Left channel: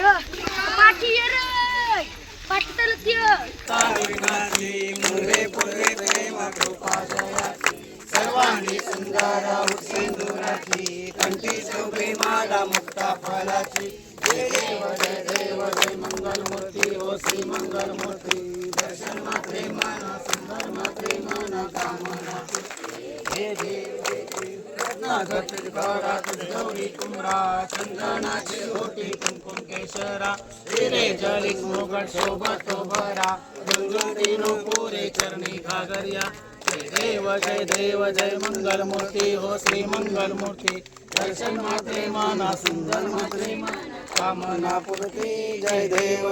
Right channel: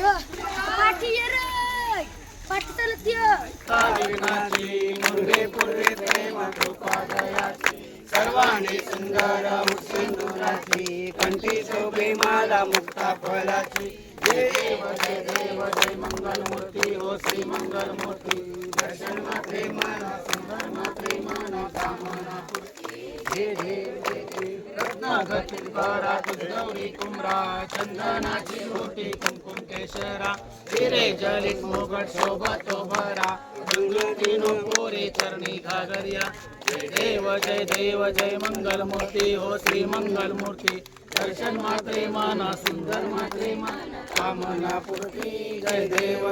Yo, पाठी ये रे पाठी चालत ये सर्वांगी सुंदरा सिंदुराची कंठी शोभे माला मुक्ता फळाची जय देव जय देव जय मंगल मूर्ती हो श्री मंगल मूर्ती दर्शन मात्रे माना सुंदर मात्रे माना कामना जय देव जय देव रत्नागतिकारा गौरी कुमरा चंदनाची होती कुमकुम केशरा हिरे जलित मोगट शोभा तो भरा गंगोतीनो पोरे चरणी घागरिया जय देव जय मंगल मूर्ती हो श्री मंगल मूर्ती दर्शन मात्रे माना सुंदर मात्रे माना कामना पूर्ती जय देव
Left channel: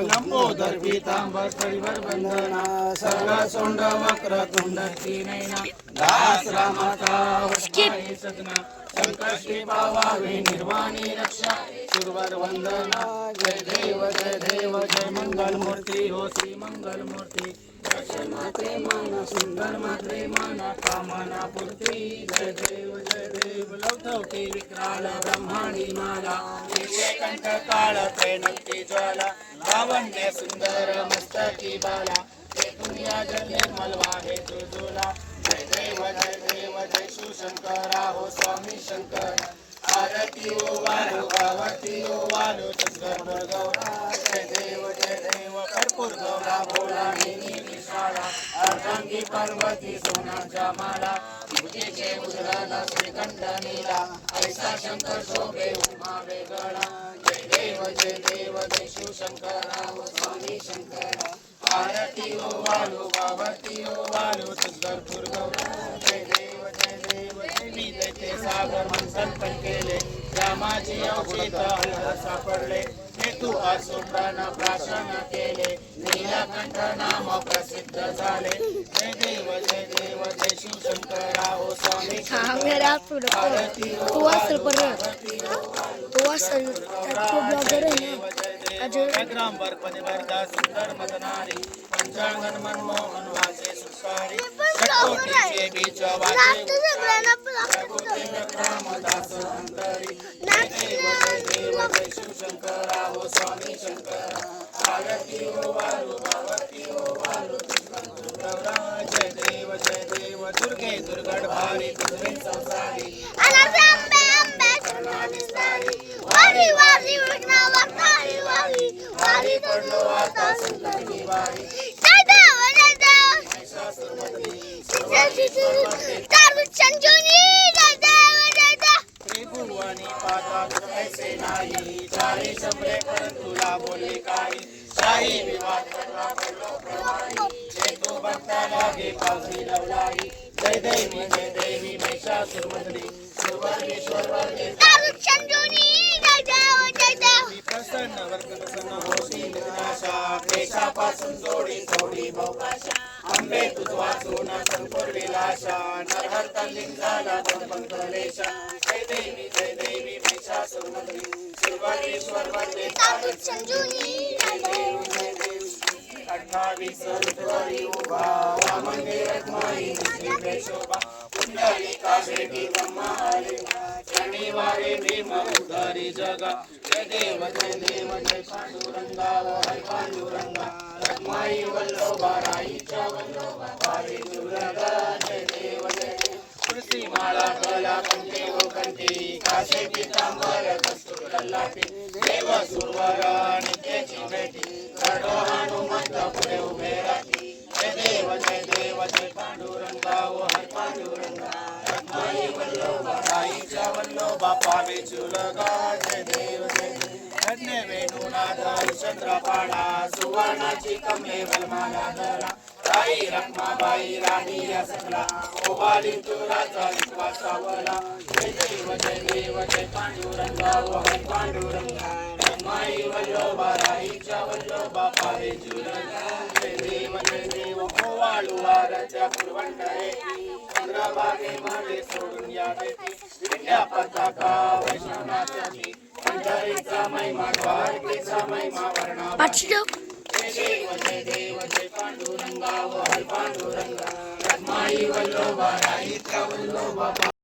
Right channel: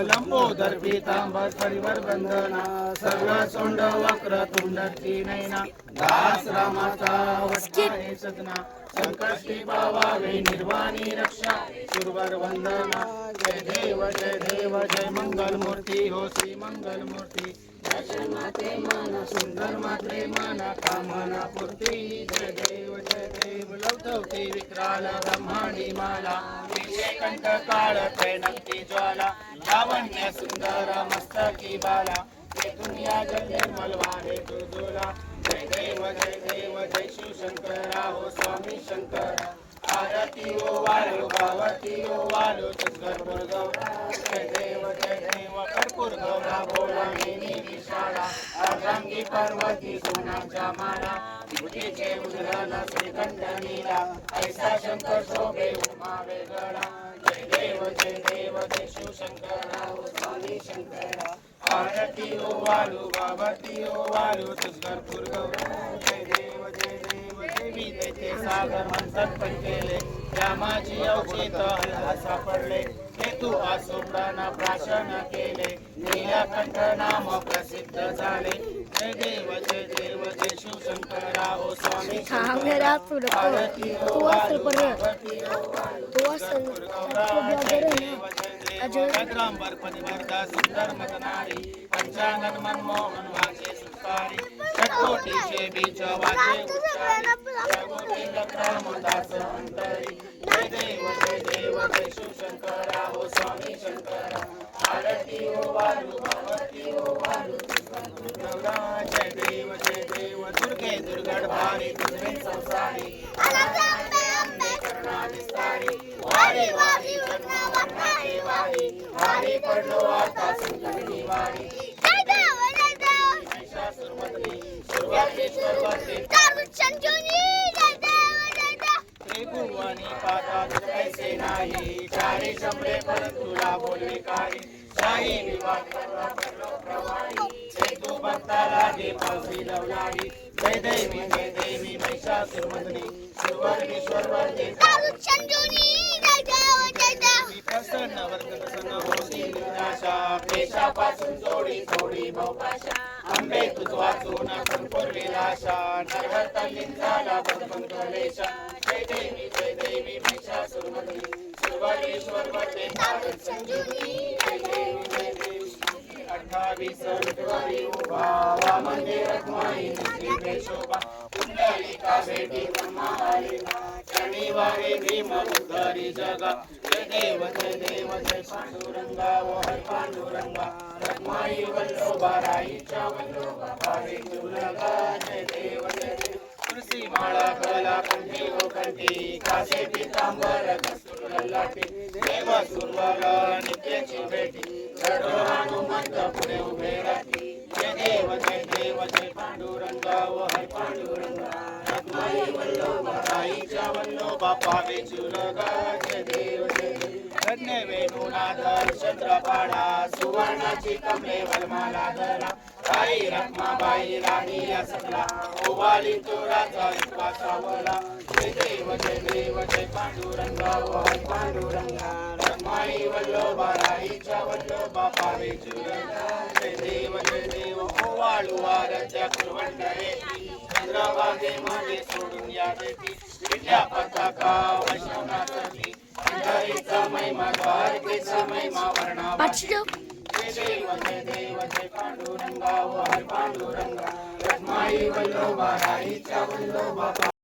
लंबोदर पीतांबर परिवर बंदना सर्व सोंड वक्र तुंडती नैना दास रामाचा वस्के सगना संकष्टी पावावे निर्वाणी रक्षा सुरवर वंदना जय देव जय मंगल मूर्ती हो श्री मंगल मूर्ती दर्शन मात्रे माना सुंदर मात्रे माना कामना पूर्ती जय देव लवधवती विक्राल ब्रह्मांडी माला कंठ काळ त्रैनंती ज्वाला लावण्य सुंदर मस्तकी बाला दुनिया जल निर्मल वाहे तुझोला जय देव जय शिवशंकरा हो स्वामी शंकर आरती ओ वालो गावती ओ वालो तुझ्यावर गौरा जय देव कर्पूर गौरा भोळा निशाळा अर्धांगी पार्वती सोनाच्या माला बुद्धीचे उजळला श्रीकंठ नीला ऐसा शंकर शोभे उमा वेगळा जय देव जय शिवशंकरा हो स्वामी शंकरा आरती ओ वालो गावती ओ वालो तुझ्यावर गौरा जय देव देवी तेथे सागर संकट केले रामाची अवचेत हल्ला सापडले हेतू असुरांना प्राशन केले नीलकंठ नाम प्रसिद्ध झाले जय देव जय शिवशंकरा हो स्वामी मेरा तो असल पर तो असल तो ब्लॉगर है ना ग्रामवर पनिवर्धा सुंदर मदनारी पंचांगन मनमोहन वाचे सुखारी शतकोटीचे बीज वाचे रामदास अंतरी जय देव जय शिवशंकरा हो स्वामी शंकरा आरती ओ वालू भगवती ओ वालू गौरा जय देव दुर्गे दुर्गड भारी तुझे संसारी करुणा विस्तारी वारी वारी वारी पडलो आता संकटी वारी जय देव त्रिभुवनी पातात ऐसे नाही चारी शंभे तुला बोले काही शाही विवाद तू भक्ता लागे पावसी लवलारी जय देवी महिषासुरमर्दिनी सुरवरेश्वर वर्गे प्रसन्न वर्ग प्रसन्न होशी विनाशा क्लेशापासून जोडी भवपाशा आंबे तुझ वाचून संपूर विलाशा नरहर तल्लीन झाला बंधन कलेशा जय देवी महिषासुरमर्दिनी सुरवरेश्वर वर्गे अठ्ठावीस विठ्ठली उभा वामने रखमाई शोभा पुंडलिका भेटी ब्रह्मा शनिवारी भीम उद्धरी जगा जय देव जय पांडुरंगा वो हर पांडुरंगा रखमाई वल्लोबा राईच्या वल्लोबा पावे दुर्गा जय देव तुळसी माळा कला कंठी ओ कंठी कासे पीतांबर कस्तूर ललाटी देव सुरवर नित्याची भेटी खडो हनुमंत पुढे उभे राहती जय देव जय पांडुरंगा ओ हर पांडुरंगा रखमाई वल्लोबा राईच्या वल्लोबा पावे चुरगा जय देव धन्य वेणुनाथ चंद्रपाळा सुवर्णाची कमले वलमाला धरा आई रखमाबाई राणी या सकला ओवाली तो राजा विश्वासावला जय देव जय पांडुरंगा ओ हर पांडुरंगा रखमाई वल्लोबा राईच्या वल्लोबा पावे चुरगा जय देव ओवाळू वारच्या कुरवंडळे चंद्रभागे मागे सोडून या देवी विद्या पताका वैष्णवनाथी पंढरीचा महिमा द्वारकेचा महिमा वर्णा जय देव पांडुरंगा ओ हर पांडुरंगा रखमाई वल्लोबा राईच्या वल्लोबा